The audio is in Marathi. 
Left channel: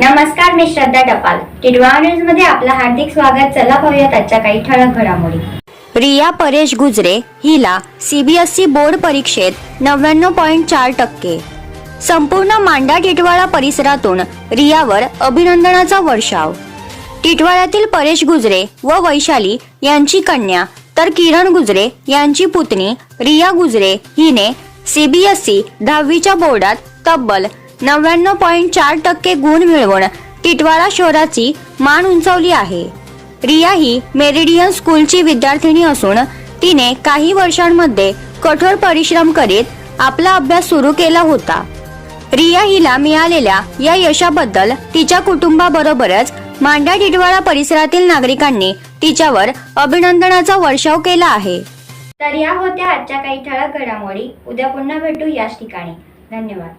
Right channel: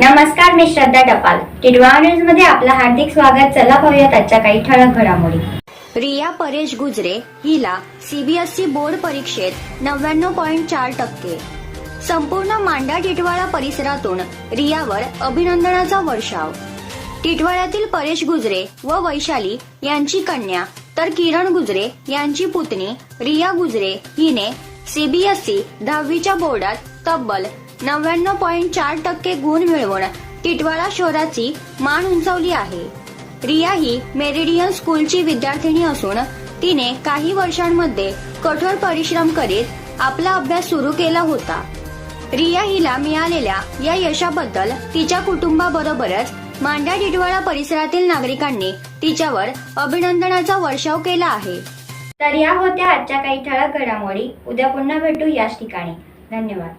नमस्कार मी श्रद्धा टपाल. टिडवा न्यूजमध्ये आपलं हार्दिक स्वागत. चला पाहूयात आजच्या काही ठळक घडामोडी. रिया परेश गुजरे हिला सीबीएसई बोर्ड परीक्षेत नव्याण्णव पॉईंट चार टक्के. संपूर्ण मांडा टिटवाळा परिसरातून रियावर अभिनंदनाचा वर्षाव. टिटवाळ्यातील परेश गुजरे व वैशाली यांची कन्या तर किरण गुजरे यांची पुतणी रिया गुजरे हिने सीबीएसई दहावीच्या बोर्डात तब्बल नव्याण्णव पॉईंट चार टक्के गुण मिळवून टिटवाळा शहराची मान उंचावली आहे. रिया ही मेरिडियन स्कूलची विद्यार्थिनी असून तिने काही वर्षांमध्ये कठोर परिश्रम करीत आपला अभ्यास सुरू केला होता. रिया हिला मिळालेल्या या यशाबद्दल तिच्या कुटुंबाबरोबरच मांडा टिटवाळा परिसरातील नागरिकांनी तिच्यावर अभिनंदनाचा वर्षाव केला आहे. तर या होत्या आजच्या काही ठळक घडामोडी. उद्या पुन्हा भेटू याच ठिकाणी. धन्यवाद.